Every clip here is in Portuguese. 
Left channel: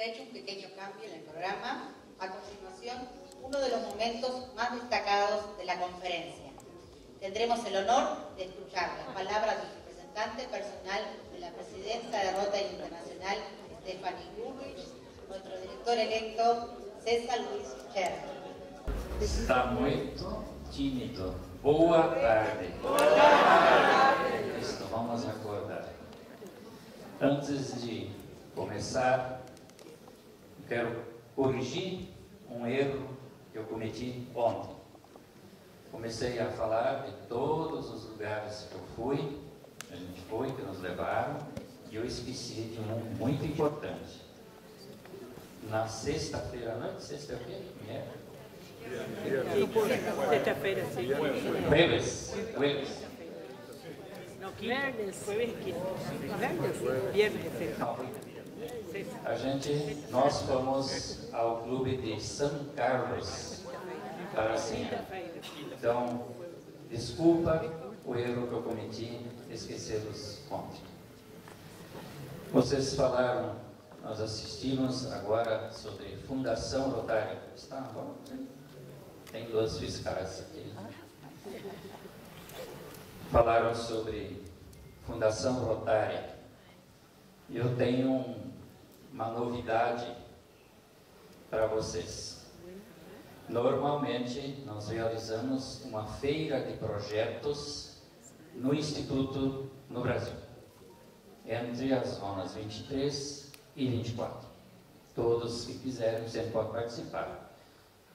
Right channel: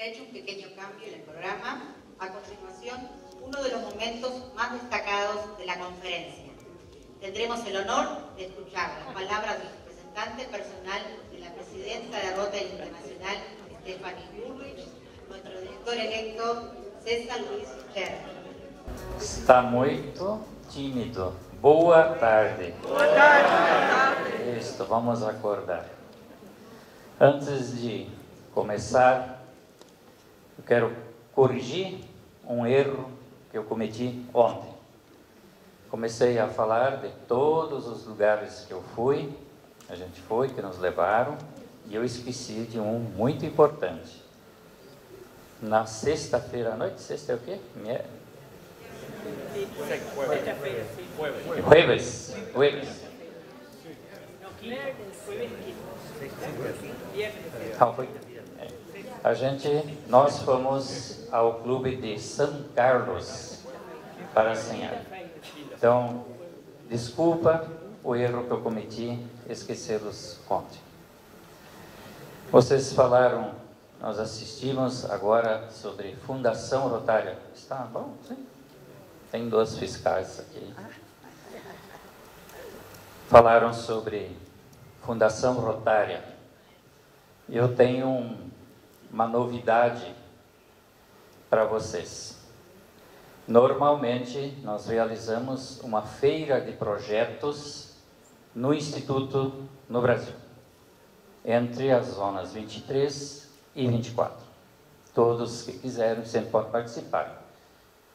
Se ha hecho un pequeño cambio en el programa. A continuación, uno de los momentos más destacados de la conferencia. Tendremos el honor de escuchar las palabras del representante personal de la presidenta de Rotary Internacional, Stephanie Bullrich, nuestro director electo, César Luis Cherry. Está muito tímido. Boa tarde. Boa tarde. Isso, vamos acordar. Antes de começar, eu quero corrigir um erro que eu cometi ontem. Comecei a falar de todos os lugares que eu fui, a gente foi, que nos levaram, e eu esqueci de um muito importante. Na sexta-feira à noite, sexta é o quê? Sexta-feira, sim. Jueves. Não, quinta. Jueves, quinta. Viernes, Nós fomos ao clube de São Carlos, Parazinha. Então, desculpa o erro que eu cometi, esquecê-los ontem. Vocês falaram, nós assistimos agora sobre Fundação Rotária. Está bom? Sim. Tem 2 fiscais aqui. Falaram sobre Fundação Rotária. Eu tenho uma novidade para vocês. Normalmente, nós realizamos uma feira de projetos no Instituto no Brasil, entre as zonas 23 e 24. Todos que quiserem sempre podem participar.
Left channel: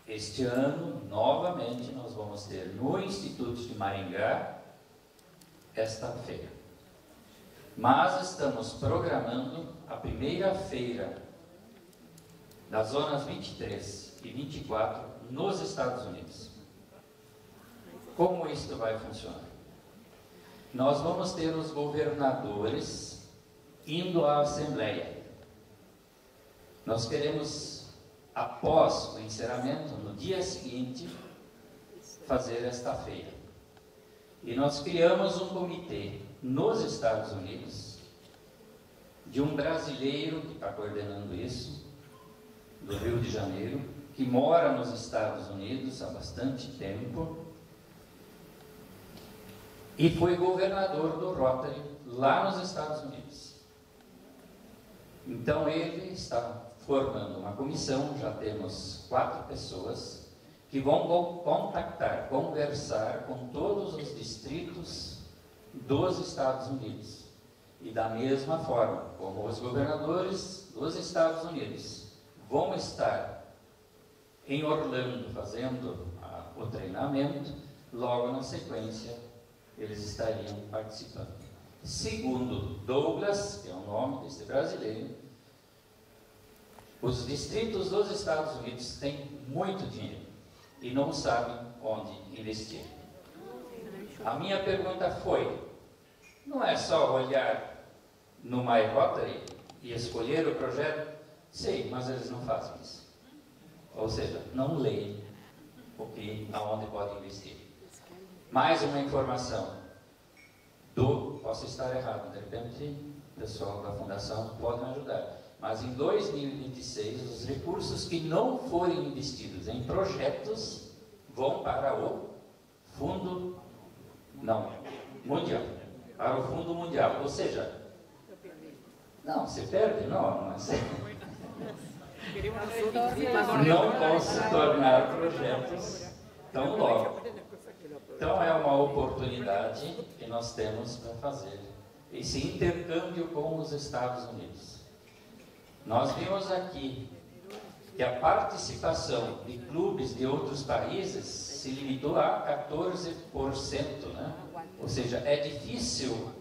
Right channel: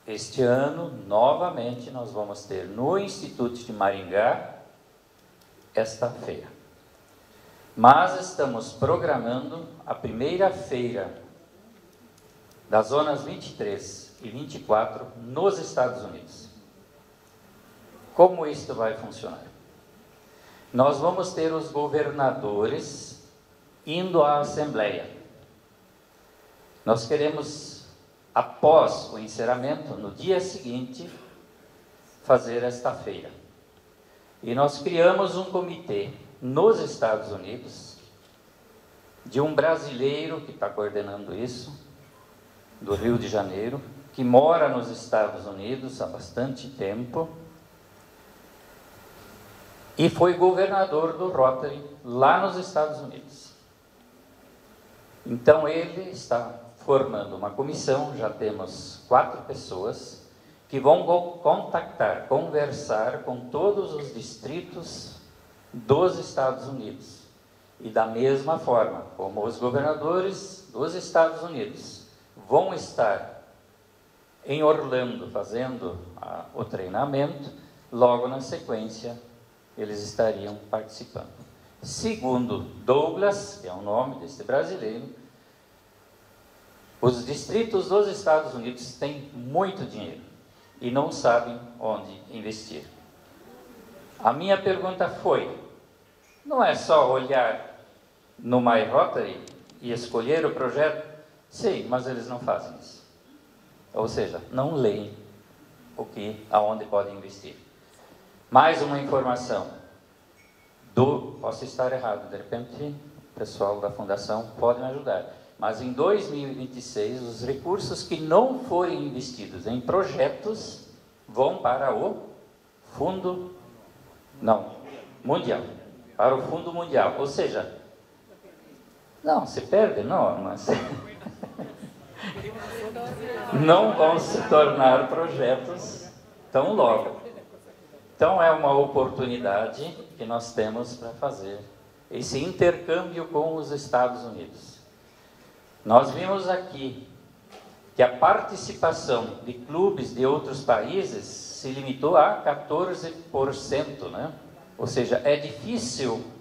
Este ano, novamente, nós vamos ter no Instituto de Maringá esta feira. Mas estamos programando a primeira feira das zonas 23 e 24 nos Estados Unidos. Como isso vai funcionar? Nós vamos ter os governadores indo à Assembleia. Nós queremos, após o encerramento, no dia seguinte, fazer esta feira. E nós criamos um comitê nos Estados Unidos, de um brasileiro que está coordenando isso, do Rio de Janeiro, que mora nos Estados Unidos há bastante tempo, e foi governador do Rotary lá nos Estados Unidos. Então ele está formando uma comissão, já temos 4 pessoas, que vão contactar, conversar com todos os distritos dos Estados Unidos. E da mesma forma, como os governadores dos Estados Unidos vão estar em Orlando fazendo o treinamento, logo na sequência eles estariam participando. Segundo Douglas, que é o nome desse brasileiro, os distritos dos Estados Unidos têm muito dinheiro e não sabem onde investir. A minha pergunta foi: não é só olhar no My Rotary e escolher o projeto? Sim, mas eles não fazem isso. Ou seja, não leem aonde podem investir. Mais uma informação. Posso estar errado, de repente o pessoal da Fundação pode me ajudar. Mas em 2026, os recursos que não forem investidos em projetos vão para o Fundo Mundial. Para o Fundo Mundial. Ou seja, não, se perde, não, mas não vão se tornar projetos tão logo. Então é uma oportunidade que nós temos para fazer esse intercâmbio com os Estados Unidos. Nós vimos aqui que a participação de clubes de outros países se limitou a 14%, né? Ou seja, é difícil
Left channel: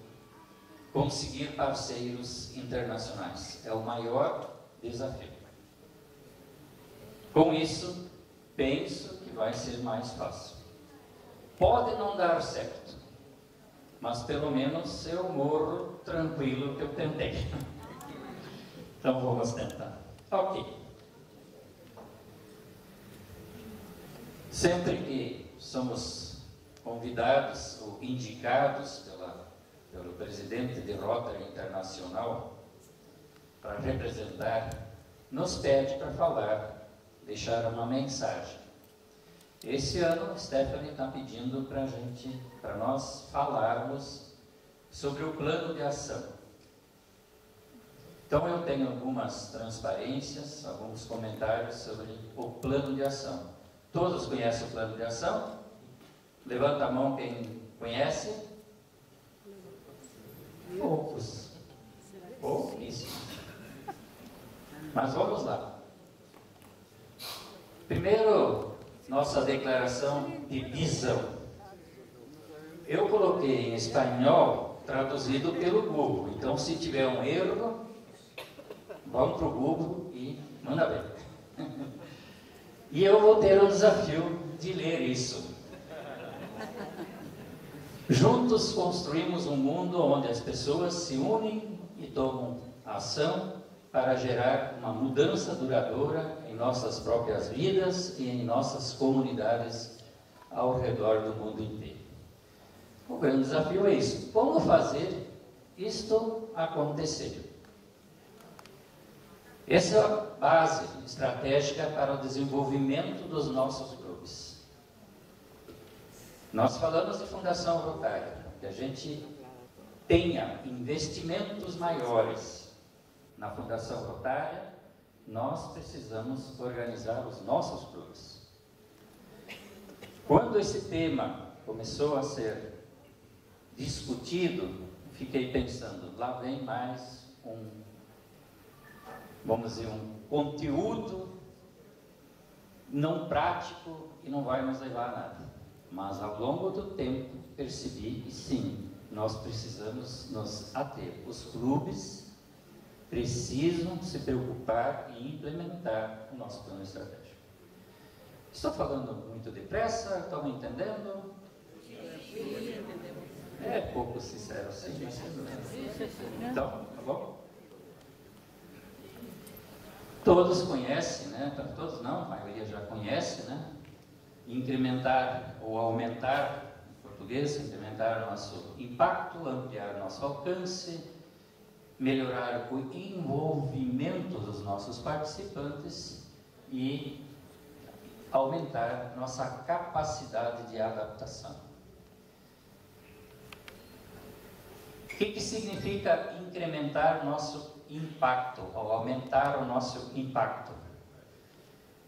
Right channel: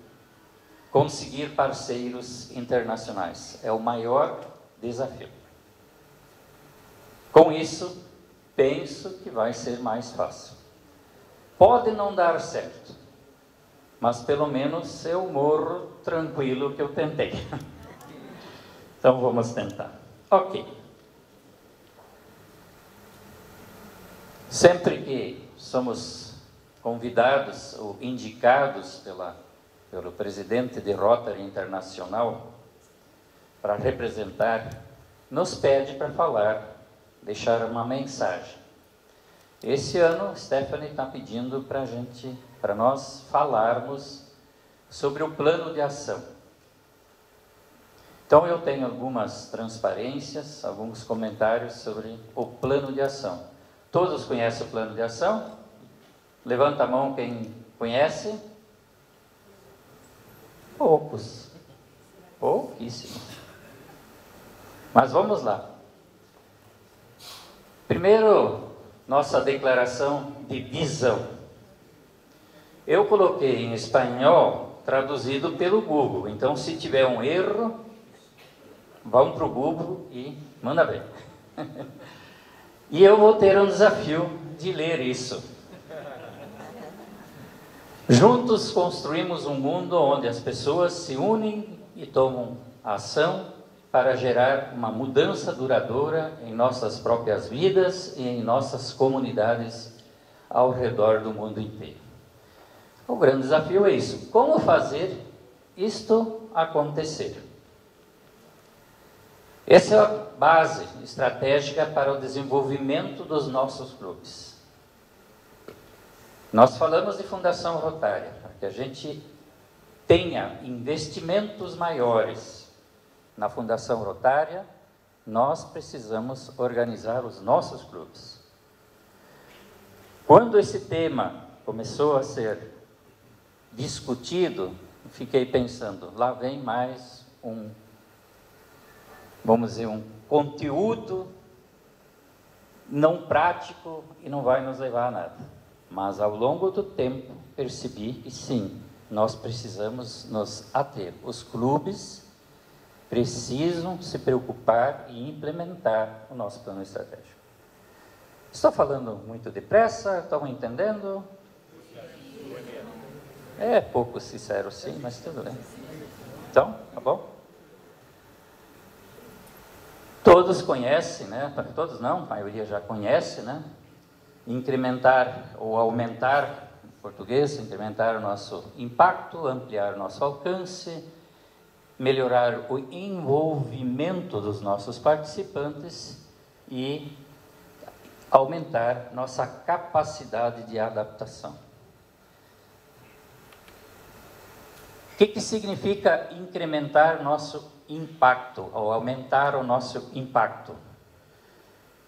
conseguir parceiros internacionais. É o maior desafio. Com isso, penso que vai ser mais fácil. Pode não dar certo, mas pelo menos eu morro tranquilo que eu tentei. Então vamos tentar. Ok. Sempre que somos convidados ou indicados pelo presidente de Rotary Internacional para representar nos pede para falar, deixar uma mensagem. Esse ano, Stephanie está pedindo para nós falarmos sobre o plano de ação. Então, eu tenho algumas transparências, alguns comentários sobre o plano de ação. Todos conhecem o plano de ação? Levanta a mão quem conhece. Poucos. Pouquíssimos. Mas vamos lá. Primeiro, nossa declaração de visão. Eu coloquei em espanhol, traduzido pelo Google. Então, se tiver um erro, vão para o Google e manda ver. E eu vou ter um desafio de ler isso. Juntos construímos um mundo onde as pessoas se unem e tomam ação para gerar uma mudança duradoura em nossas próprias vidas e em nossas comunidades ao redor do mundo inteiro. O grande desafio é isso. Como fazer isto acontecer? Essa é a base estratégica para o desenvolvimento dos nossos clubes. Nós falamos de Fundação Rotária, para que a gente tenha investimentos maiores na Fundação Rotária, nós precisamos organizar os nossos clubes. Quando esse tema começou a ser discutido, fiquei pensando, lá vem mais vamos dizer, um conteúdo não prático e não vai nos levar a nada. Mas ao longo do tempo percebi que sim, nós precisamos nos ater. Os clubes precisam se preocupar e implementar o nosso plano estratégico. Estou falando muito depressa, estão entendendo? É pouco sincero sim, mas tudo bem. Então, tá bom? Todos conhecem, né? Todos não, a maioria já conhece, né? Incrementar ou aumentar, em português, incrementar o nosso impacto, ampliar o nosso alcance, melhorar o envolvimento dos nossos participantes e aumentar nossa capacidade de adaptação. O que significa incrementar nosso impacto, ou aumentar o nosso impacto?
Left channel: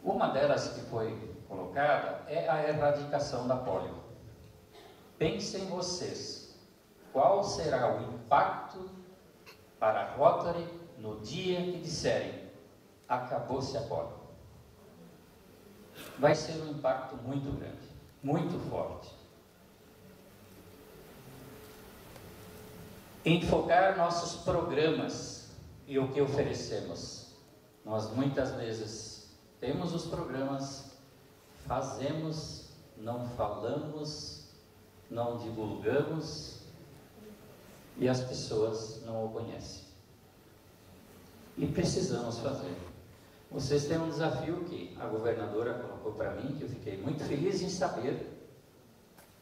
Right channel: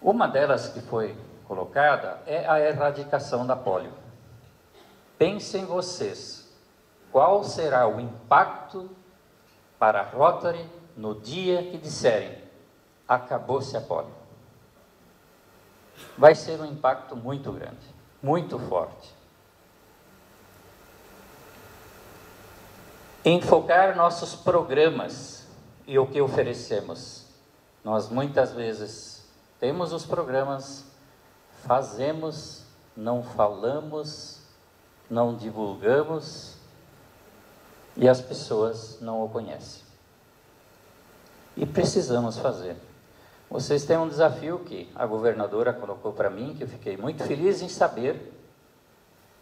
Uma delas que foi colocada é a erradicação da polio. Pensem vocês, qual será o impacto para a Rotary no dia que disserem acabou-se a polio? Vai ser um impacto muito grande, muito forte. Enfocar nossos programas e o que oferecemos. Nós muitas vezes temos os programas, fazemos, não falamos, não divulgamos e as pessoas não o conhecem. E precisamos fazer. Vocês têm um desafio que a governadora colocou para mim, que eu fiquei muito feliz em saber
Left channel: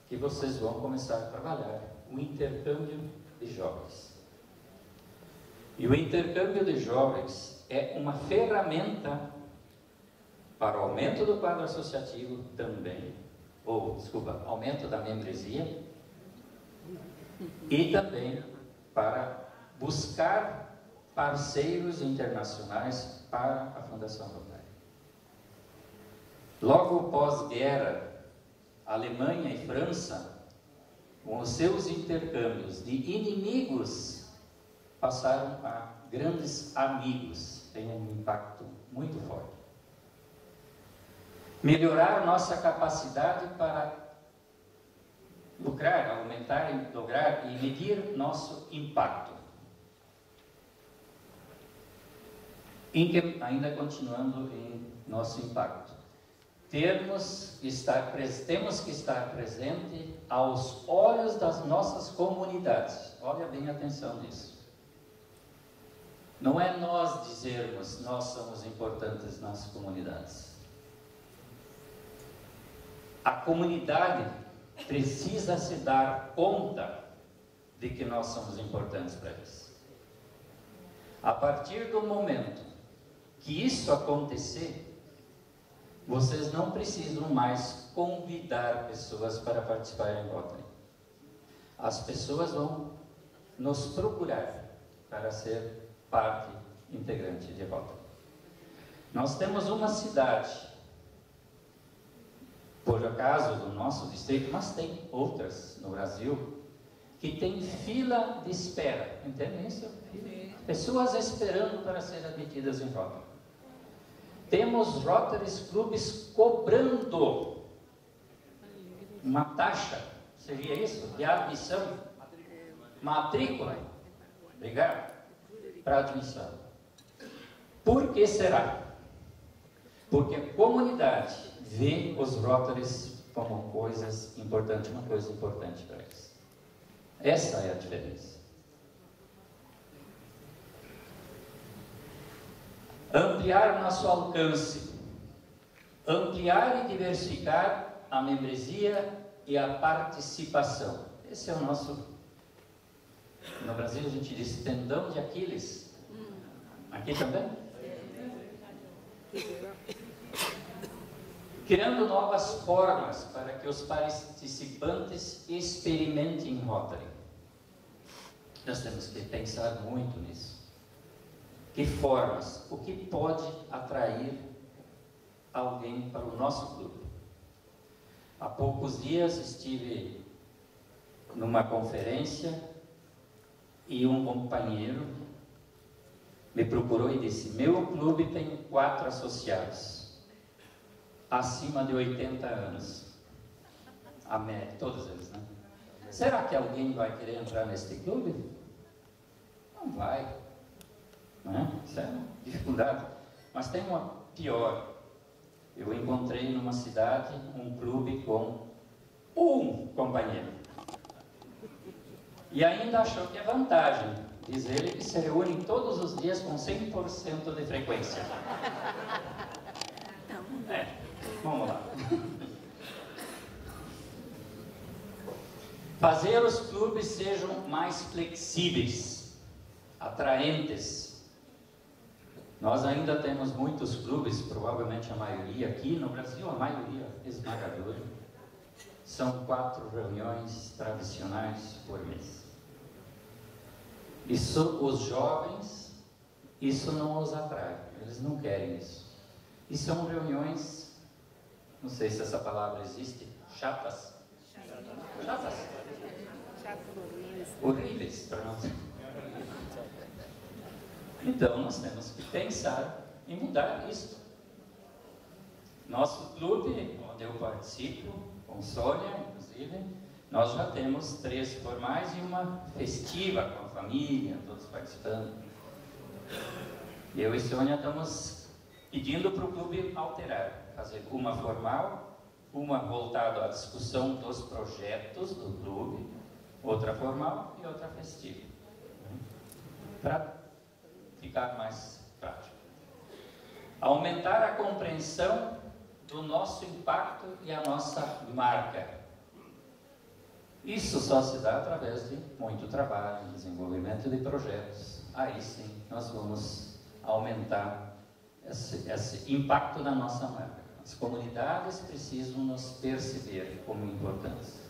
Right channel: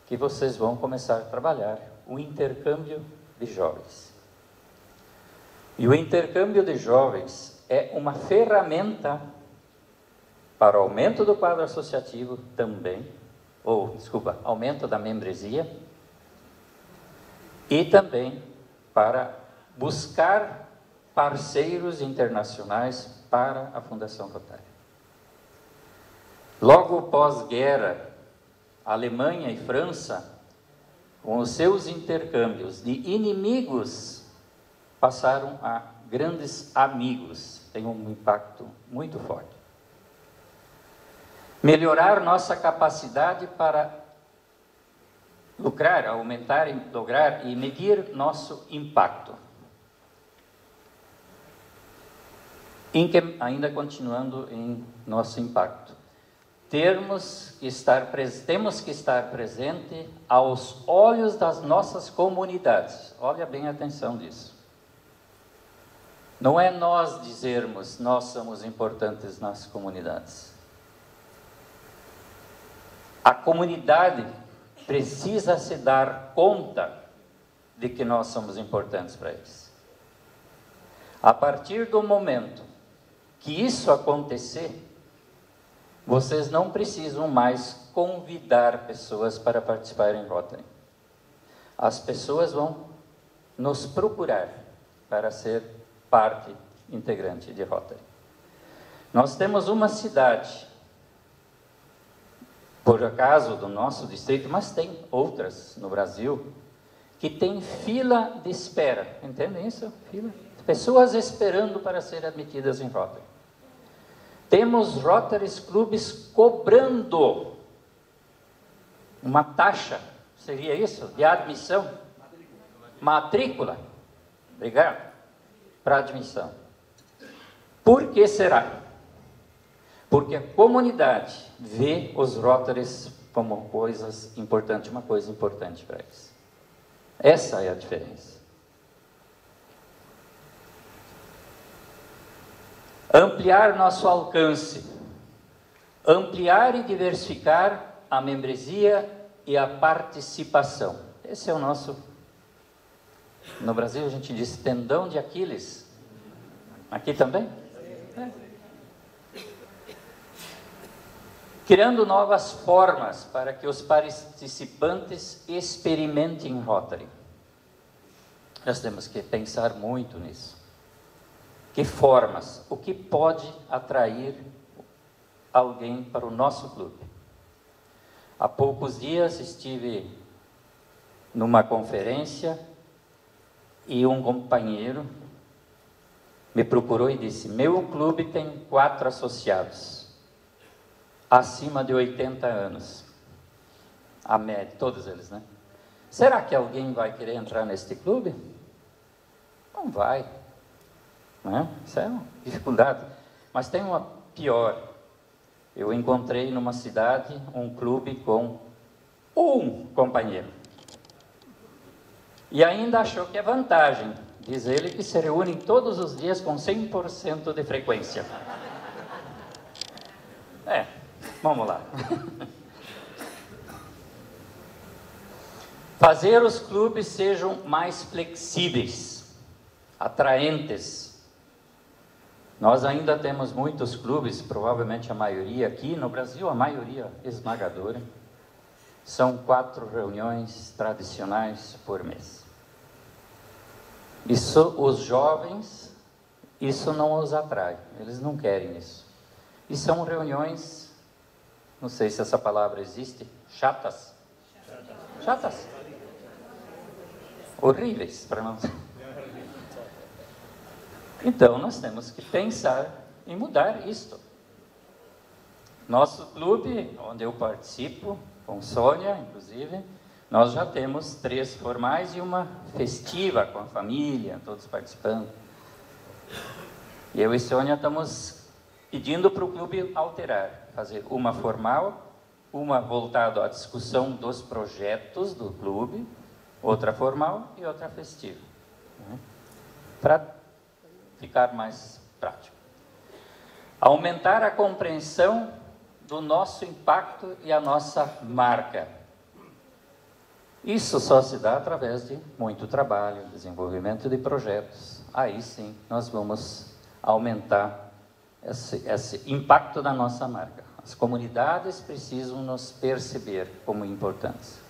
que vocês vão começar a trabalhar, o intercâmbio de jovens. E o intercâmbio de jovens é uma ferramenta para o aumento do quadro associativo também, aumento da membresia, e também para buscar parceiros internacionais para a Fundação Rotária. Logo pós-guerra, Alemanha e França, com os seus intercâmbios de inimigos, passaram a grandes amigos. Tem um impacto muito forte. Melhorar nossa capacidade para lucrar, aumentar, lograr e medir nosso impacto. Ainda continuando em nosso impacto. Temos que estar presente aos olhos das nossas comunidades. Olha bem a atenção disso. Não é nós dizermos, nós somos importantes nas comunidades. A comunidade precisa se dar conta de que nós somos importantes para eles. A partir do momento que isso acontecer, vocês não precisam mais convidar pessoas para participar em Rotary. As pessoas vão nos procurar para ser parte integrante de Rotary. Nós temos uma cidade, por acaso do nosso distrito, mas tem outras no Brasil, que tem fila de espera. Entendem isso? Fila. Pessoas esperando para serem admitidas em Rotary. Temos Rotary Clubes cobrando uma taxa, seria isso? De admissão? Matrícula. Obrigado. Para admissão. Por que será? Porque a comunidade vê os Rotarys como coisas importantes, uma coisa importante para eles. Essa é a diferença. Ampliar nosso alcance, ampliar e diversificar a membresia e a participação. Esse é o nosso, no Brasil a gente diz tendão de Aquiles. Aqui também? Criando novas formas para que os participantes experimentem Rotary. Nós temos que pensar muito nisso. Que formas? O que pode atrair alguém para o nosso clube? Há poucos dias estive numa conferência e um companheiro me procurou e disse: meu clube tem 4 associados, acima de 80 anos. A média, todos eles, né? Será que alguém vai querer entrar neste clube? Não vai. Né? Isso é uma dificuldade. Mas tem uma pior. Eu encontrei numa cidade um clube com um companheiro. E ainda achou que é vantagem. Diz ele que se reúnem todos os dias com 100% de frequência. Vamos lá. Fazer os clubes sejam mais flexíveis, atraentes. Nós ainda temos muitos clubes, provavelmente a maioria aqui no Brasil, a maioria esmagadora, são 4 reuniões tradicionais por mês. Isso, os jovens, isso não os atrai, eles não querem isso. E são reuniões, não sei se essa palavra existe, chatas. Chatas. Horríveis, para não... Então, nós temos que pensar em mudar isto. Nosso clube, onde eu participo, com Sônia, inclusive, nós já temos 3 formais e uma festiva com a família, todos participando. E eu e Sônia estamos pedindo para o clube alterar, fazer uma formal, uma voltada à discussão dos projetos do clube, outra formal e outra festiva. Para ficar mais prático. Aumentar a compreensão do nosso impacto e a nossa marca. Isso só se dá através de muito trabalho, desenvolvimento de projetos. Aí sim, nós vamos aumentar esse impacto da nossa marca. As comunidades precisam nos perceber como importantes.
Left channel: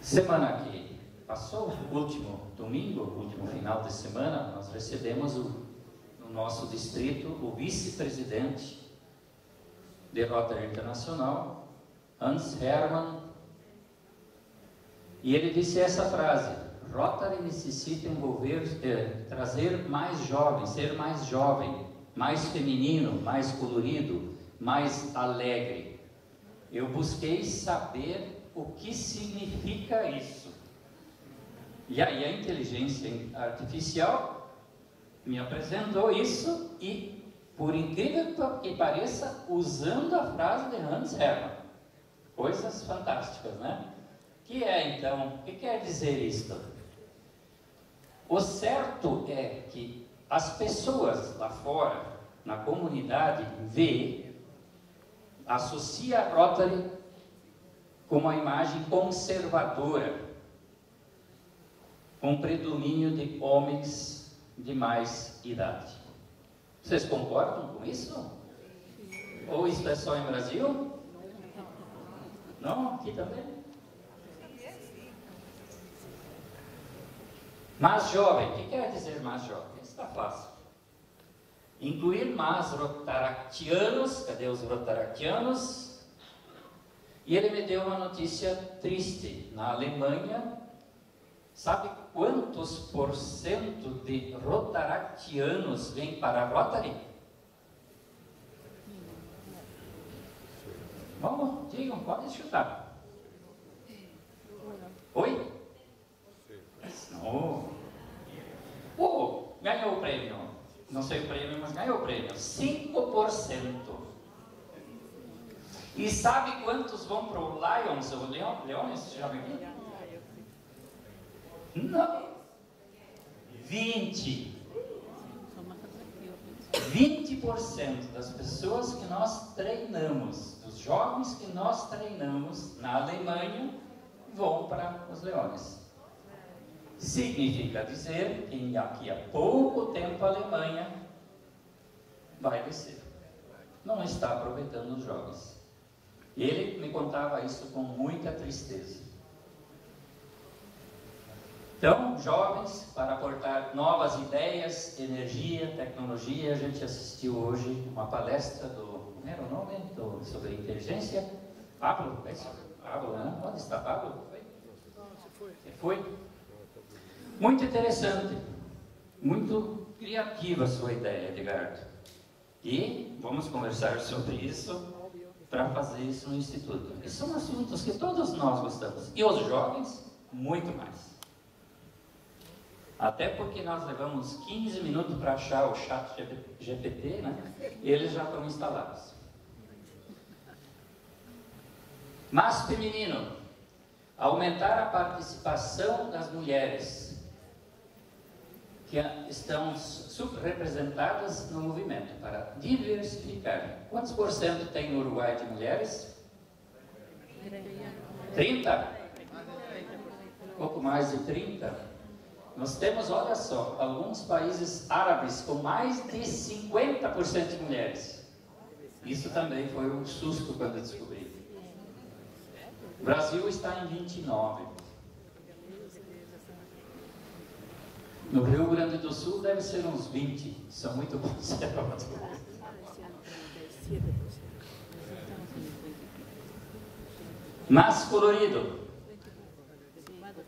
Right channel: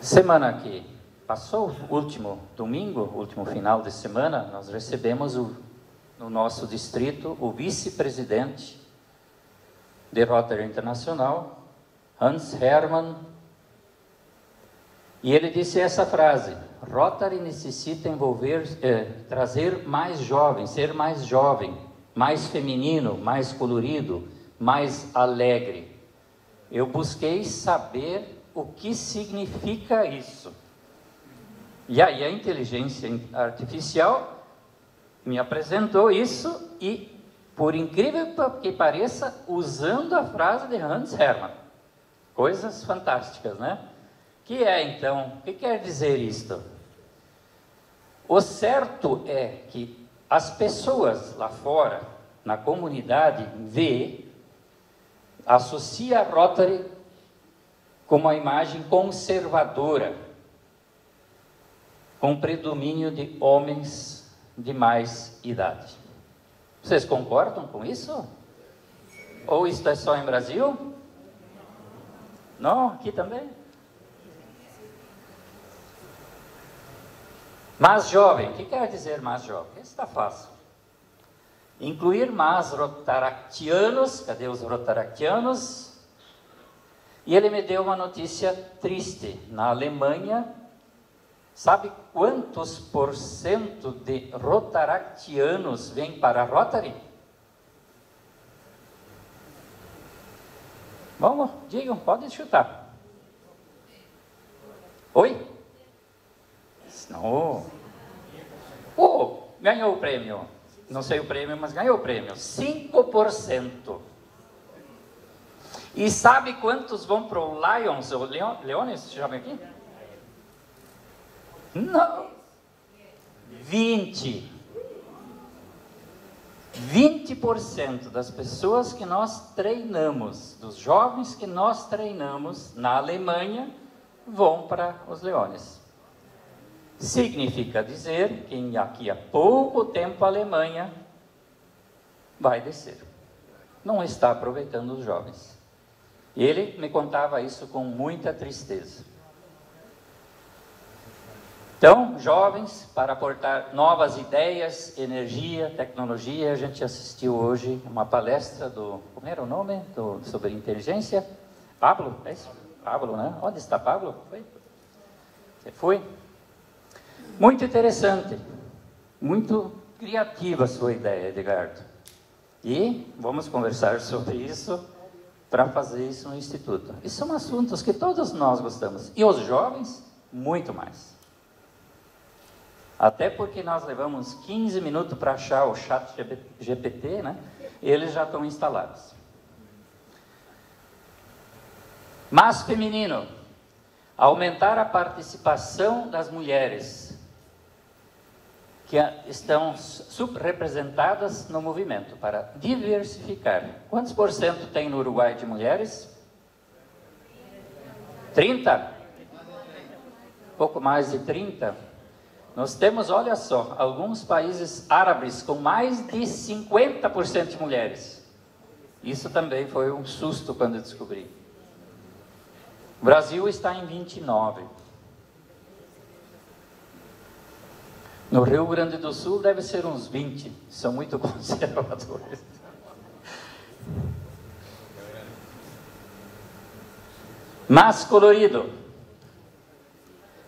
Semana que passou, último domingo, último final de semana, nós recebemos no nosso distrito o vice-presidente de Rotary Internacional, Hans Hermann, e ele disse essa frase: Rotary necessita trazer mais jovens, ser mais jovem, mais feminino, mais colorido, mais alegre. Eu busquei saber o que significa isso. E aí a inteligência artificial me apresentou isso e, por incrível que pareça, usando a frase de Hans Hermann. Coisas fantásticas, né? Que é, então, o que quer dizer isto? O certo é que as pessoas lá fora, na comunidade, associa a Rotary com uma imagem conservadora, com predomínio de homens de mais idade. Vocês concordam com isso? Ou isso é só em Brasil? Não, aqui também? Mais jovem, o que quer dizer mais jovem? Isso está fácil. Incluir mais rotaractianos, cadê os rotaractianos? E ele me deu uma notícia triste. Na Alemanha, sabe quantos porcento de rotaractianos vêm para a Rotary? Vamos, digam, podem chutar. Oi? Não. Oh, ganhou o prêmio. Não sei o prêmio, mas ganhou o prêmio. 5%. E sabe quantos vão para o Lions, ou Leones, chama aqui? Não. 20% das pessoas que nós treinamos, dos jovens que nós treinamos na Alemanha, vão para os Leones. Significa dizer que daqui a pouco tempo a Alemanha vai descer. Não está aproveitando os jovens. Ele me contava isso com muita tristeza. Então, jovens, para aportar novas ideias, energia, tecnologia, a gente assistiu hoje uma palestra do, como era o nome? Sobre inteligência? Pablo, é isso? Pablo, né? Onde está Pablo? Foi? Você foi? Muito interessante, muito criativa a sua ideia, Edgardo. E vamos conversar sobre isso para fazer isso no Instituto. Esses são assuntos que todos nós gostamos. E os jovens, muito mais. Até porque nós levamos 15 minutos para achar o chat GPT, né? E eles já estão instalados. Mas feminino, aumentar a participação das mulheres que estão subrepresentadas no movimento, para diversificar. Quantos por cento tem no Uruguai de mulheres? 30? Pouco mais de 30? Nós temos, olha só, alguns países árabes com mais de 50% de mulheres. Isso também foi um susto quando eu descobri. O Brasil está em 29%. No Rio Grande do Sul deve ser uns 20%. São muito conservadores. Mas colorido.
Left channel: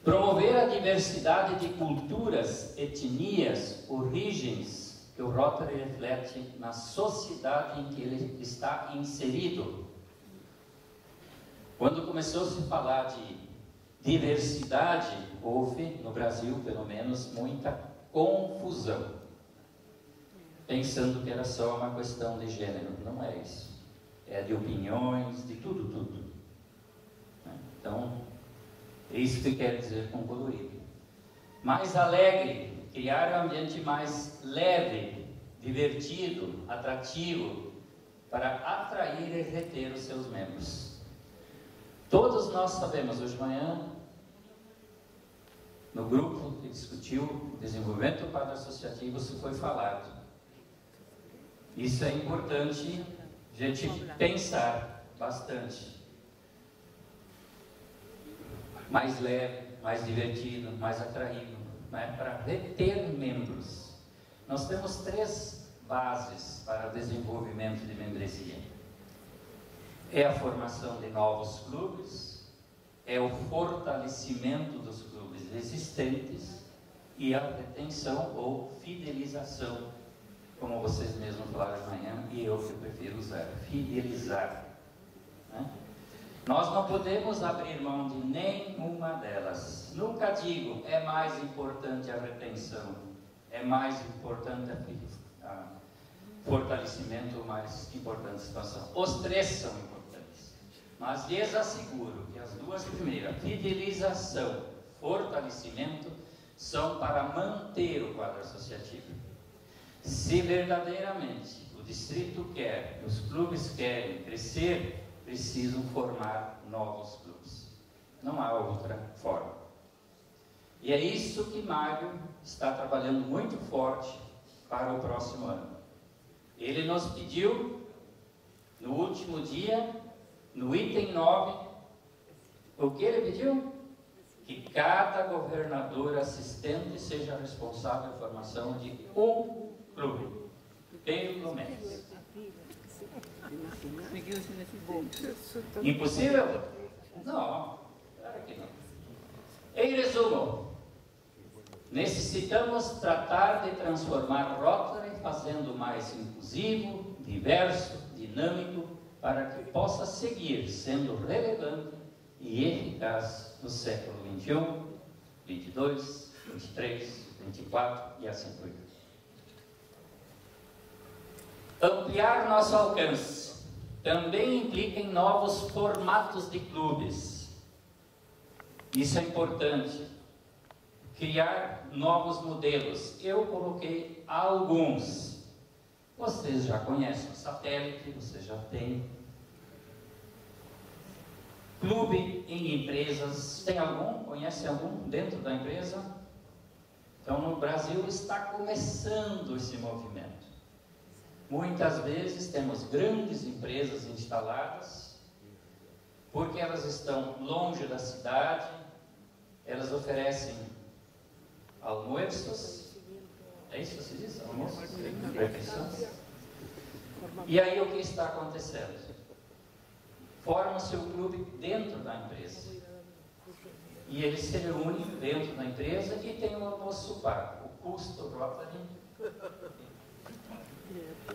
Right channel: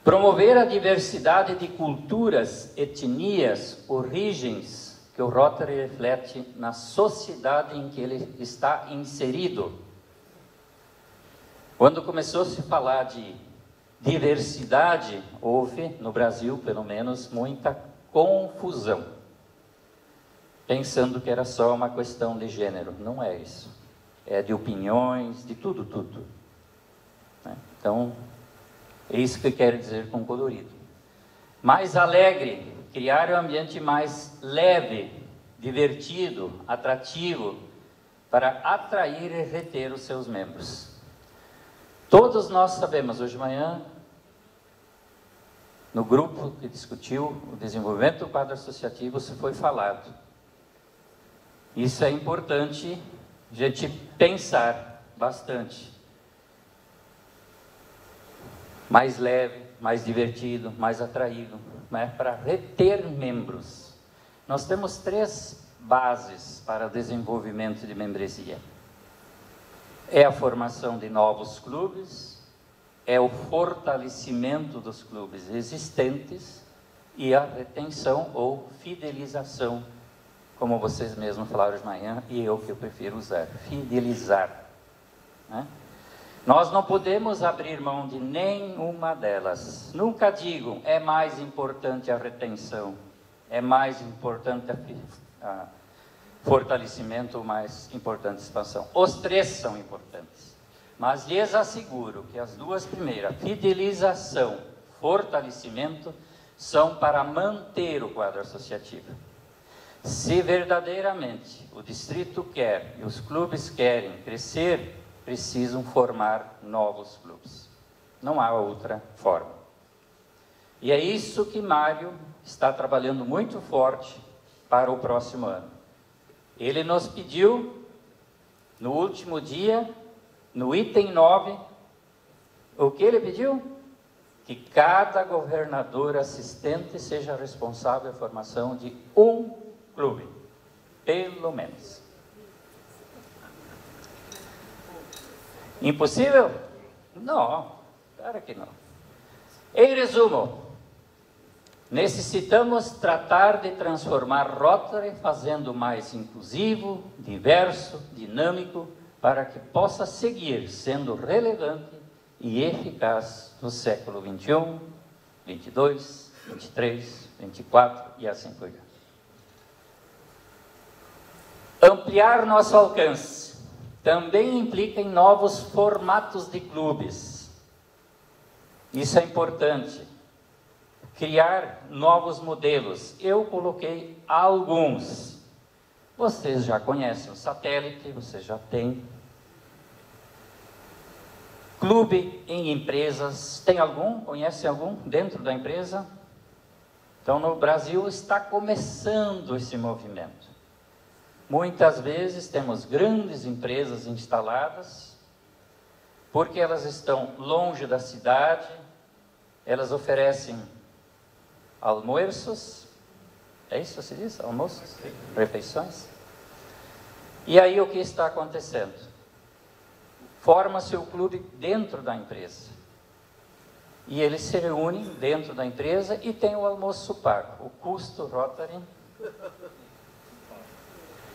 Promover a diversidade de culturas, etnias, origens que o Rotary reflete na sociedade em que ele está inserido. Quando começou a se falar de diversidade, houve, no Brasil pelo menos, muita confusão, pensando que era só uma questão de gênero. Não é isso. É de opiniões, de tudo. Então, é isso que eu quero dizer com colorido. Mais alegre, criar um ambiente mais leve, divertido, atrativo, para atrair e reter os seus membros. Todos nós sabemos, hoje de manhã, no grupo que discutiu o desenvolvimento do quadro associativo, se foi falado. Isso é importante a gente pensar bastante. Mais leve, mais divertido, mais atraído, né? Para reter membros. Nós temos 3 bases para o desenvolvimento de membresia. É a formação de novos clubes, é o fortalecimento dos clubes existentes e a retenção ou fidelização, como vocês mesmos falaram de manhã, e eu que eu prefiro usar, fidelizar. Né? Nós não podemos abrir mão de nenhuma delas. Nunca digo, é mais importante a retenção, é mais importante a fortalecimento, ou mais importante a expansão. Os 3 são importantes. Mas lhes asseguro que as 2 primeiras, fidelização, fortalecimento, são para manter o quadro associativo. Se verdadeiramente o distrito quer e os clubes querem crescer, precisam formar novos clubes. Não há outra forma. E é isso que Mário está trabalhando muito forte para o próximo ano. Ele nos pediu, no último dia, no item 9, o que ele pediu? Que cada governador assistente seja responsável pela formação de um clube, pelo menos. Impossível? Não, claro que não. Em resumo, necessitamos tratar de transformar Rotary fazendo mais inclusivo, diverso, dinâmico, para que possa seguir sendo relevante e eficaz no século XXI, XXII, XXIII, XXIV e assim por diante. Ampliar nosso alcance também implica em novos formatos de clubes. Isso é importante. Criar novos modelos. Eu coloquei alguns. Vocês já conhecem o satélite, vocês já têm. Clube em empresas. Tem algum? Conhece algum dentro da empresa? Então, no Brasil está começando esse movimento. Muitas vezes temos grandes empresas instaladas, porque elas estão longe da cidade, elas oferecem almoços, é isso que se diz? Almoços? Refeições? E aí o que está acontecendo? Forma-se o clube dentro da empresa. E eles se reúnem dentro da empresa e tem o almoço pago, o custo Rotary.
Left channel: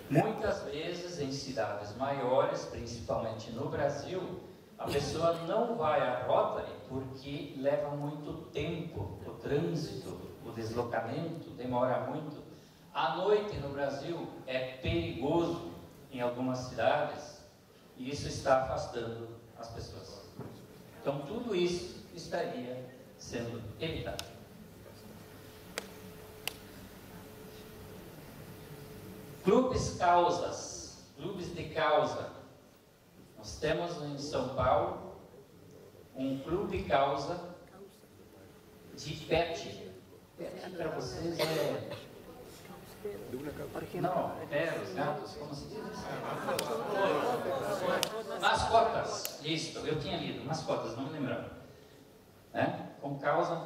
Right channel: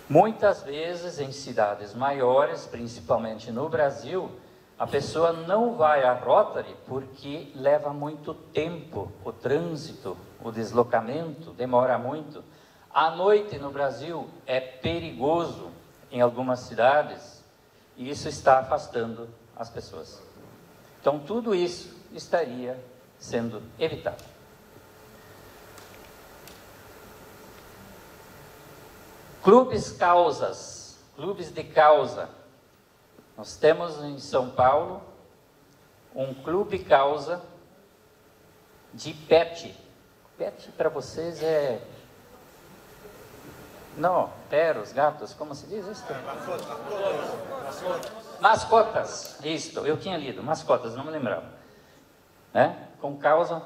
Muitas vezes em cidades maiores, principalmente no Brasil, a pessoa não vai à Rotary porque leva muito tempo, o trânsito, o deslocamento, demora muito. À noite no Brasil é perigoso em algumas cidades e isso está afastando as pessoas. Então tudo isso estaria sendo evitado. Clubes causas, clubes de causa. Nós temos em São Paulo um clube causa de pet. Pet para vocês é... Não, os gatos, como se diz isso? Mascotas, isto, eu tinha lido, mascotas, não me lembrava. Né? Com causa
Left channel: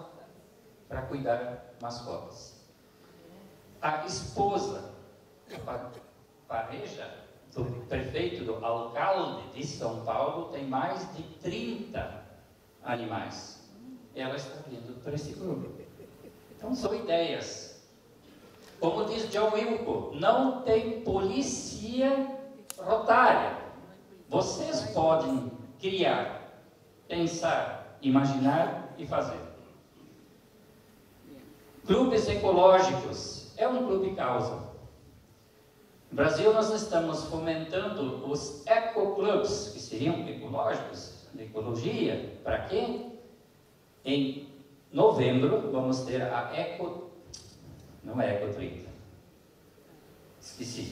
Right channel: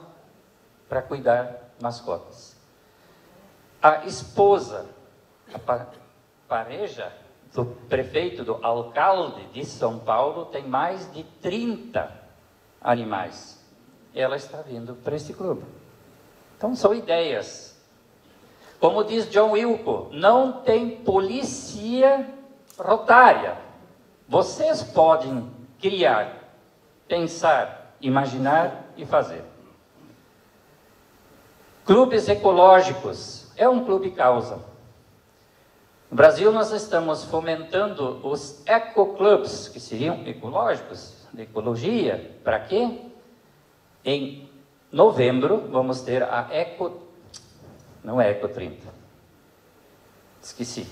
para cuidar mascotas. A esposa, a pareja do prefeito, do alcalde de São Paulo, tem mais de 30 animais. Ela está vindo para esse clube. Então são ideias. Como diz John Wilco, não tem polícia rotária. Vocês podem criar, pensar, imaginar e fazer. Clubes ecológicos. É um clube causa. No Brasil, nós estamos fomentando os ecoclubs, que seriam ecológicos, de ecologia. Para quê? Em novembro, vamos ter a Eco... Não é Eco 30. Esqueci.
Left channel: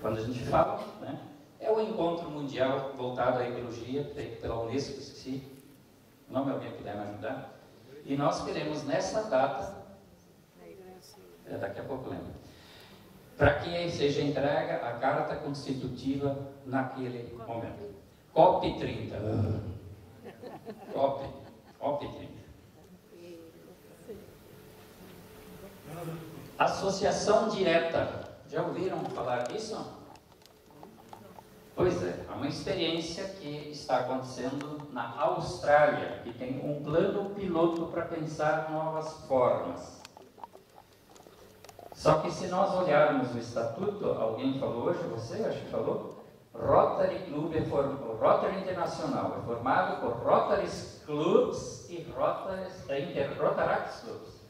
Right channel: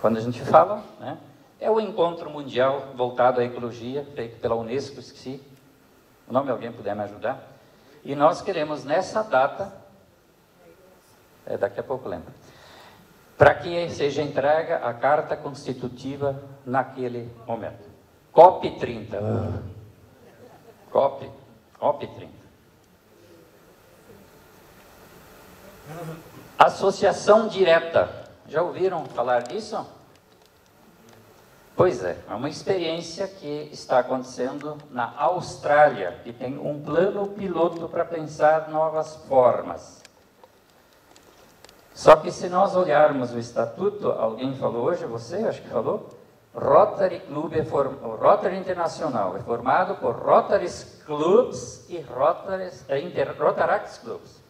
Quando a gente fala, né? É o encontro mundial voltado à ecologia, feito pela Unesco, esqueci. O nome, alguém puder me ajudar? E nós queremos, nessa data... daqui a pouco lembro. Para que seja entregue a carta constitutiva naquele momento. COP 30. COP 30. Associação direta. Já ouviram falar disso? Pois é uma experiência que está acontecendo na Austrália, que tem um plano piloto para pensar novas formas. Só que se nós olharmos o estatuto, alguém falou hoje, você acho que falou, Rotary Club Rotary Internacional é formado por Rotaries Clubs e Rotaract Clubs.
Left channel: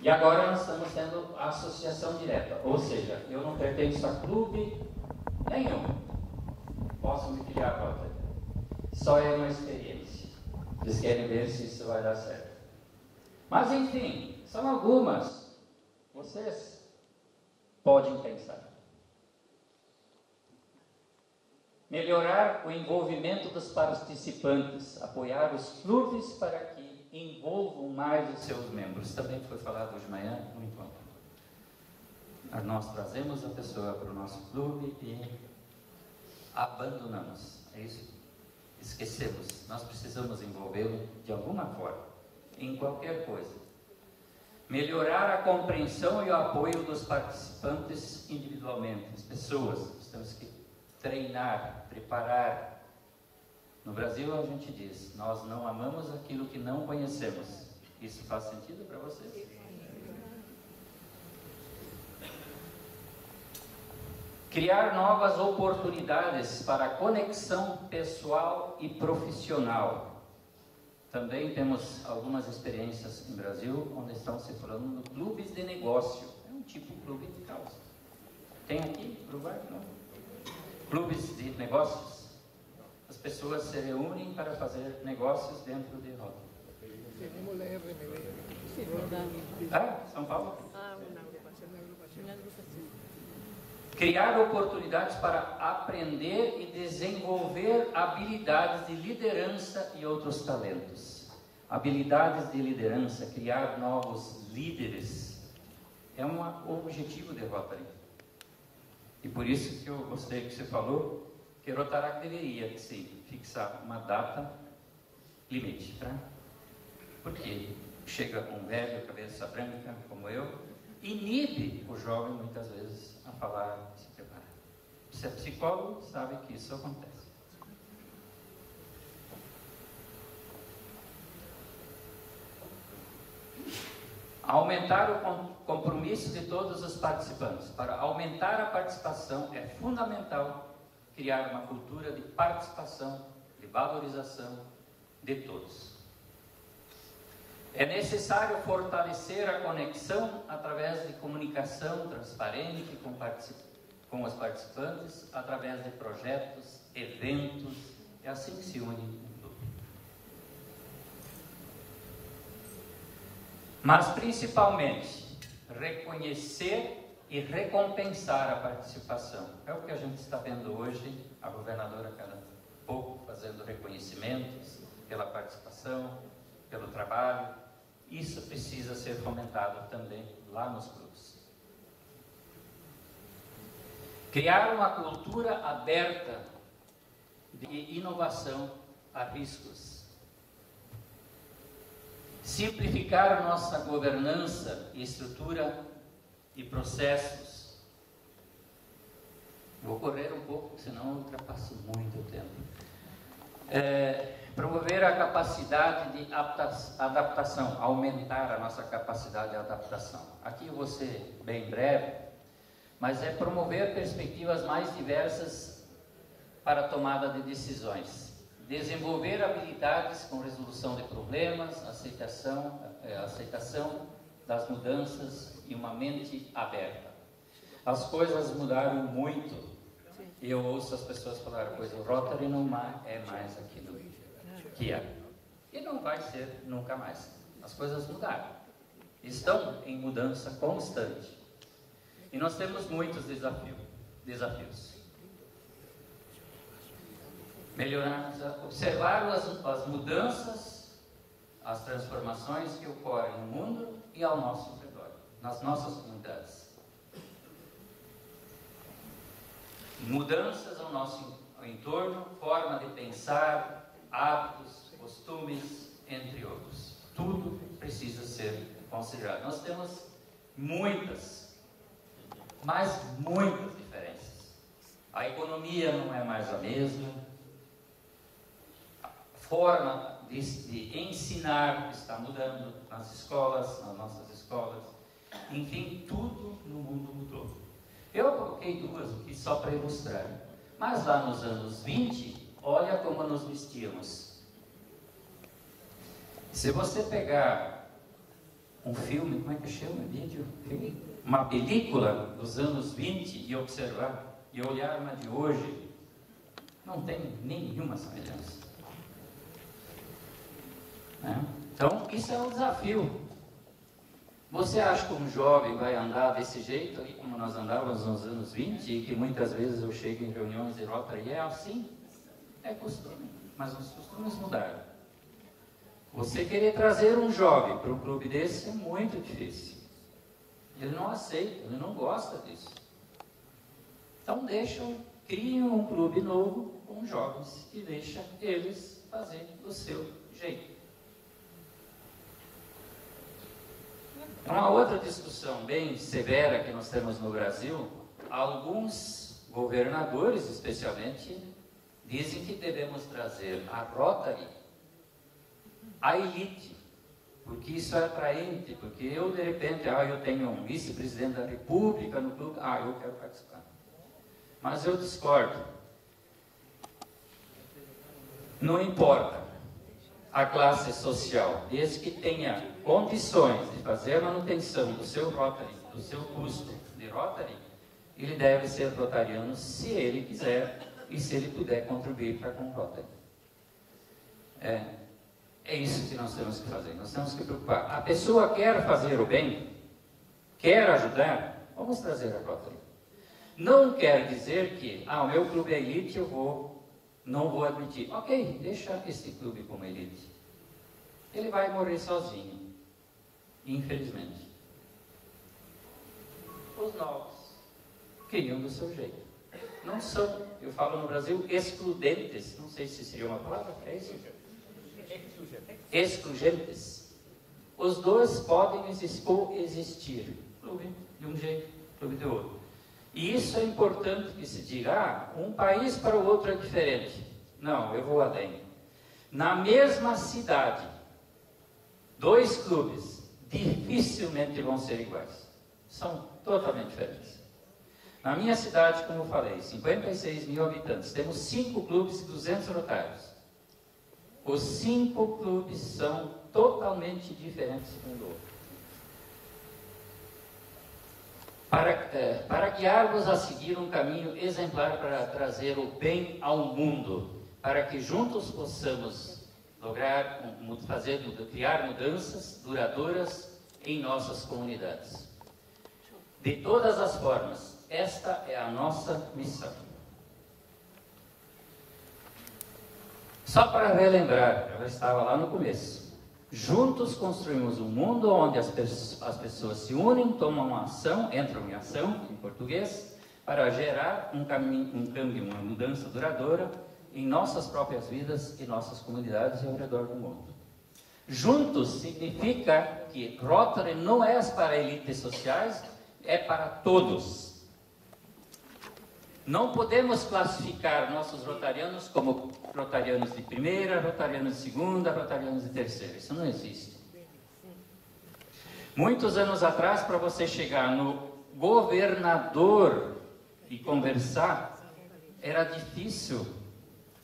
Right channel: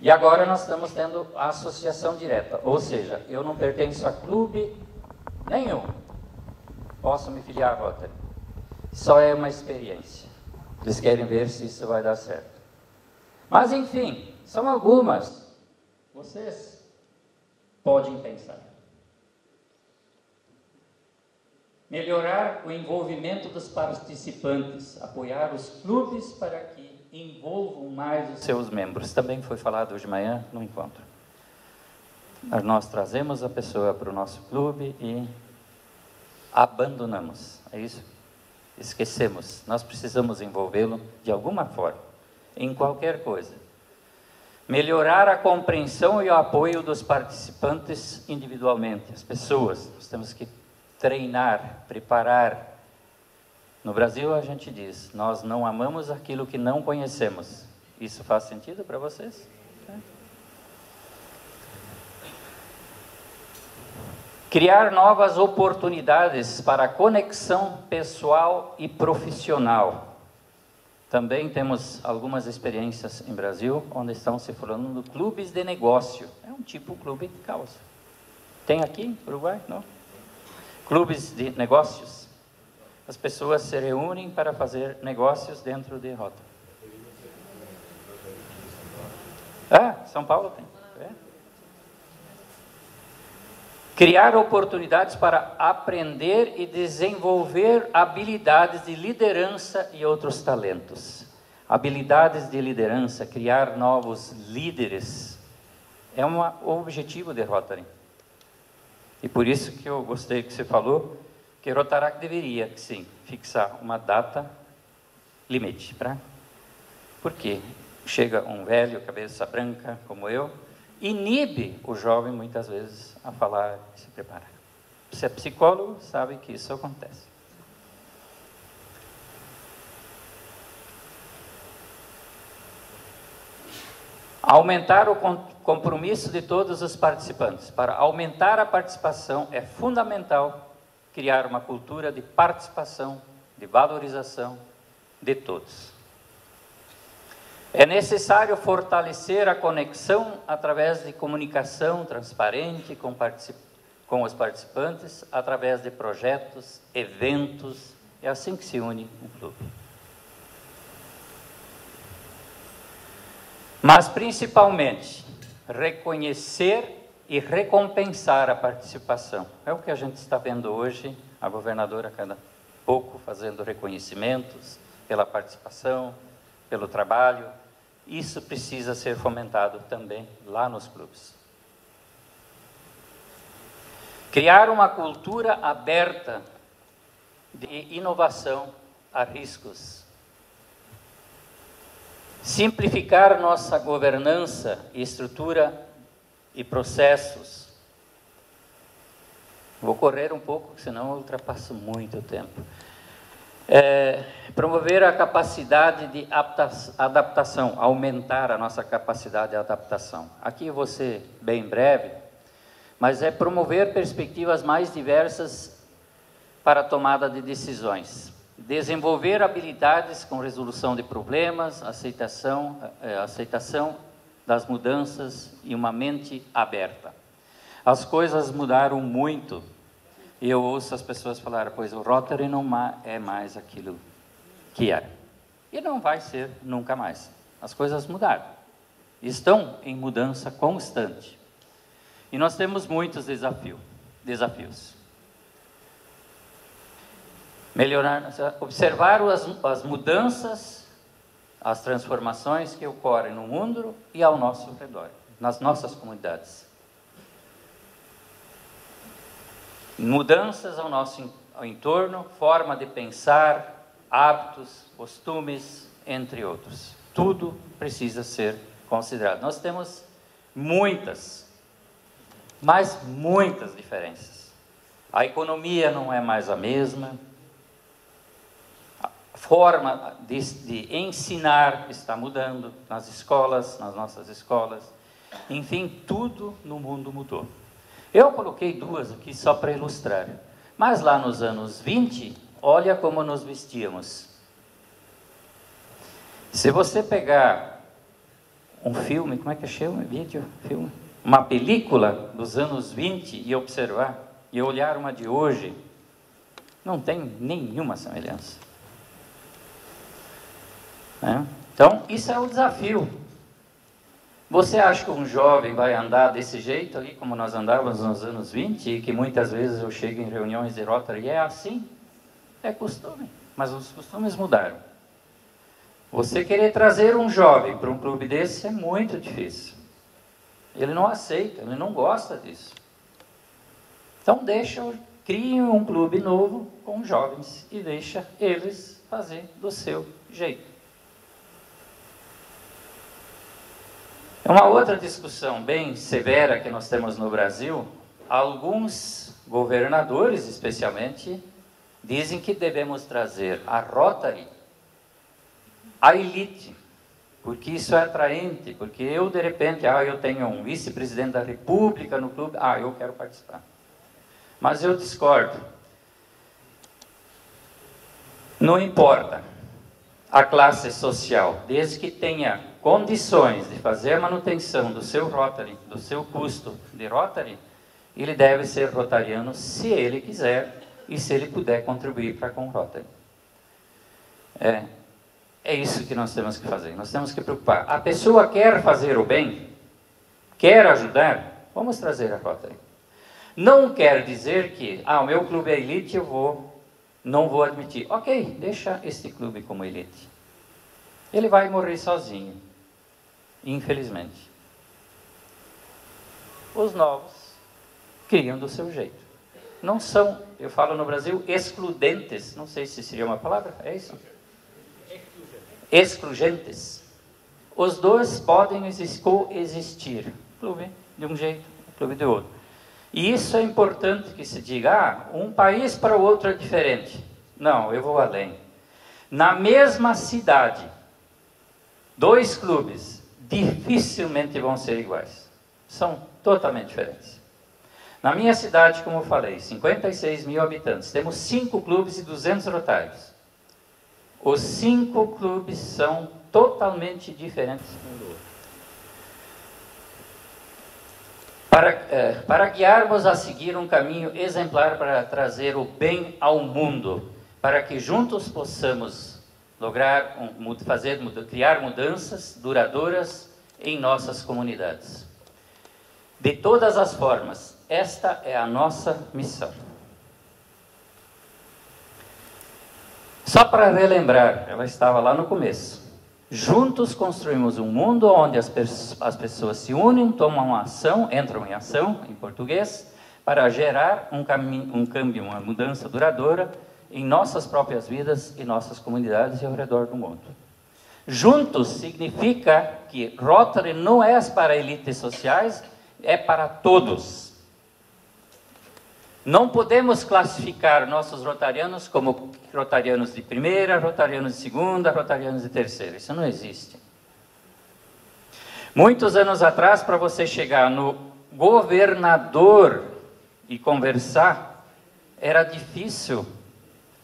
E agora nós estamos tendo a associação direta, ou seja, eu não pertenço a clube nenhum, posso me filiar a Rotary. Só é uma experiência. Eles querem ver se isso vai dar certo. Mas enfim, são algumas. Vocês podem pensar. Melhorar o envolvimento dos participantes, apoiar os clubes para que envolvam mais os seus membros. Também foi falado hoje de manhã no encontro. Nós trazemos a pessoa para o nosso clube e abandonamos. É isso? Esquecemos. Nós precisamos envolvê-lo de alguma forma, em qualquer coisa. Melhorar a compreensão e o apoio dos participantes individualmente, as pessoas. Nós temos que treinar, preparar. No Brasil a gente diz, nós não amamos aquilo que não conhecemos. Isso faz sentido para vocês? Criar novas oportunidades para a conexão pessoal e profissional. Também temos algumas experiências em Brasil, onde estão se falando de clubes de negócio. É um tipo clube de causa. Tem aqui no Uruguai? Não? Clubes de negócios. As pessoas se reúnem para fazer negócios dentro de rota. Ah, São Paulo tem. Criar oportunidades para aprender e desenvolver habilidades de liderança e outros talentos. Habilidades de liderança, criar novos líderes, é um objetivo de Rotary. E por isso que eu gostei que você falou, que Rotaract deveria, sim, fixar uma data limite. Porque chega um velho, cabeça branca, como eu, inibe o jovem, muitas vezes, a falar e se preparar. Se é psicólogo, sabe que isso acontece. Aumentar o compromisso de todos os participantes. Para aumentar a participação, é fundamental criar uma cultura de participação, de valorização de todos. É necessário fortalecer a conexão através de comunicação transparente com os participantes, através de projetos, eventos. É assim que se une um clube. Mas, principalmente, reconhecer e recompensar a participação. É o que a gente está vendo hoje, a governadora cada pouco fazendo reconhecimentos pela participação, pelo trabalho. Isso precisa ser fomentado também lá nos clubes. Criar uma cultura aberta de inovação a riscos. Simplificar nossa governança, estrutura e processos. Vou correr um pouco, senão eu ultrapasso muito o tempo. Promover a capacidade de adaptação, aumentar a nossa capacidade de adaptação. Aqui eu vou ser bem breve, mas é promover perspectivas mais diversas para a tomada de decisões. Desenvolver habilidades com resolução de problemas, aceitação das mudanças e uma mente aberta. As coisas mudaram muito. E eu ouço as pessoas falarem, pois o Rotary não é mais aquilo que era. E não vai ser nunca mais. As coisas mudaram. Estão em mudança constante. E nós temos muitos desafios. Melhorar, observar as mudanças, as transformações que ocorrem no mundo e ao nosso redor, nas nossas comunidades. Mudanças ao nosso entorno, forma de pensar, hábitos, costumes, entre outros. Tudo precisa ser considerado. Nós temos muitas diferenças. A economia não é mais a mesma. A forma de ensinar está mudando nas escolas, nas nossas escolas. Enfim, tudo no mundo mudou. Eu coloquei duas aqui só para ilustrar. Mas lá nos anos 20, olha como nos vestíamos. Se você pegar um filme, como é que chama? Filme? Uma película dos anos 20 e observar, e olhar uma de hoje, não tem nenhuma semelhança. Então, isso é o desafio. Você acha que um jovem vai andar desse jeito ali, como nós andávamos nos anos 20, e que muitas vezes eu chego em reuniões de Rotary e é assim? É costume, mas os costumes mudaram. Você querer trazer um jovem para um clube desse é muito difícil. Ele não aceita, ele não gosta disso. Então crie um clube novo com jovens e deixa eles fazer do seu jeito. É uma outra discussão bem severa que nós temos no Brasil. Alguns governadores, especialmente, dizem que devemos trazer a Rotary, a elite, porque isso é atraente, porque eu, de repente, eu tenho um vice-presidente da República no clube, eu quero participar. Mas eu discordo. Não importa a classe social, desde que tenha condições de fazer a manutenção do seu Rotary, do seu custo de Rotary, ele deve ser rotariano se ele quiser e se ele puder contribuir para com o Rotary. É isso que nós temos que fazer. Nós temos que preocupar. A pessoa quer fazer o bem, quer ajudar, vamos trazer a Rotary. Não quer dizer que, o meu clube é elite, não vou admitir. Ok, deixa este clube como elite. Ele vai morrer sozinho, infelizmente. Os novos criam do seu jeito. Não são, eu falo no Brasil, excludentes. Não sei se seria uma palavra, é isso? Exclugentes. Os dois podem coexistir. Clube de um jeito, clube de outro. E isso é importante que se diga, um país para o outro é diferente. Não, eu vou além. Na mesma cidade, 2 clubes dificilmente vão ser iguais. São totalmente diferentes. Na minha cidade, como eu falei, 56 mil habitantes, temos 5 clubes e 200 rotários. Os 5 clubes são totalmente diferentes um do outro. Para guiarmos a seguir um caminho exemplar para trazer o bem ao mundo, para que juntos possamos lograr, criar mudanças duradouras em nossas comunidades. De todas as formas, esta é a nossa missão. Só para relembrar, ela estava lá no começo. Juntos construímos um mundo onde as pessoas se unem, entram em ação, em português, para gerar um câmbio, uma mudança duradoura em nossas próprias vidas e nossas comunidades e ao redor do mundo. Juntos significa que Rotary não é para elites sociais, é para todos. Não podemos classificar nossos rotarianos como rotarianos de primeira, rotarianos de segunda, rotarianos de terceira. Isso não existe. Muitos anos atrás, para você chegar no governador e conversar, era difícil.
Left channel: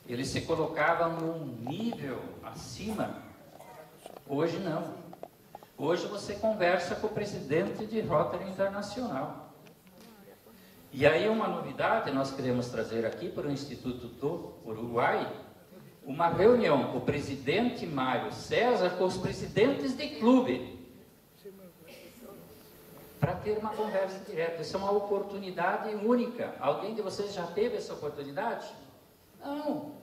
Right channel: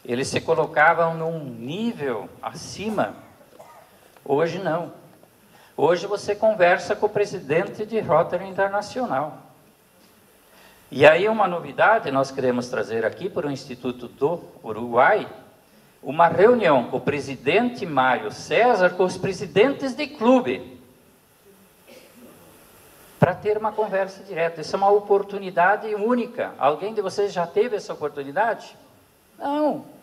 Eles se colocavam num nível acima. Hoje não. Hoje você conversa com o presidente de Rotary Internacional. E aí uma novidade, nós queremos trazer aqui para o Instituto do Uruguai, uma reunião com o presidente Mário César, com os presidentes de clube, para ter uma conversa direta. Isso é uma oportunidade única. Alguém de vocês já teve essa oportunidade? Não.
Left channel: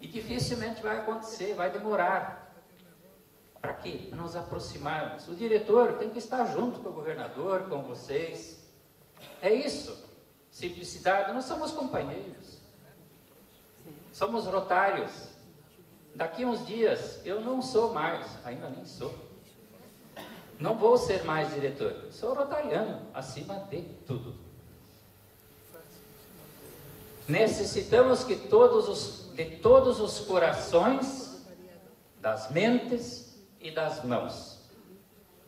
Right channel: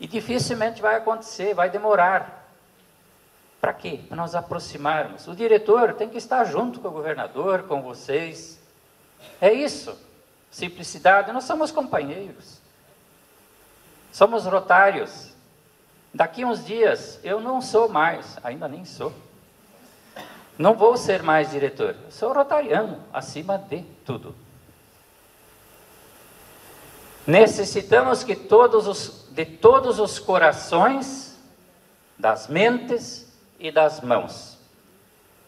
E dificilmente vai acontecer, vai demorar. Para quê? Para nós aproximarmos. O diretor tem que estar junto com o governador, com vocês. É isso. Simplicidade. Nós somos companheiros. Somos rotários. Daqui uns dias, eu não sou mais, ainda nem sou. Não vou ser mais diretor. Sou rotariano, acima de tudo. Necessitamos que de todos os corações, das mentes e das mãos,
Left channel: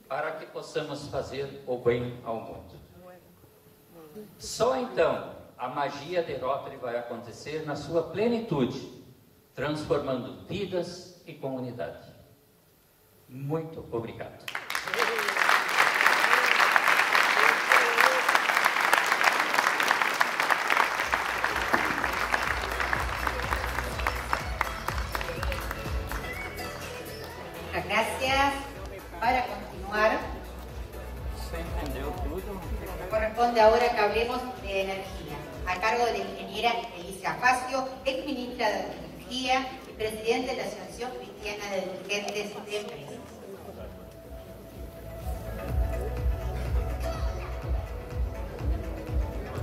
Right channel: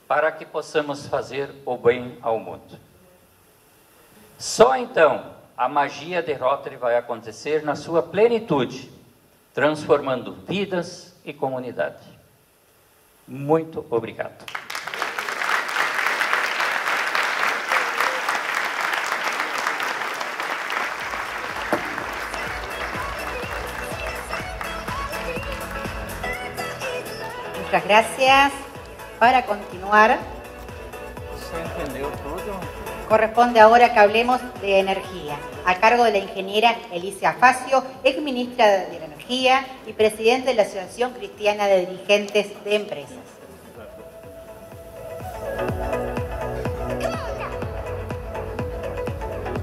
para que possamos fazer o bem ao mundo. Só então a magia de Rotary vai acontecer na sua plenitude, transformando vidas e comunidade. Muito obrigado. Muchas gracias. Para continuar, você entendeu tudo. Corresponde ahora que hablemos de energía, a cargo de la ingeniera Elicia Facio, ex ministra de Energía y presidente de la Asociación Cristiana de Dirigentes de Empresas.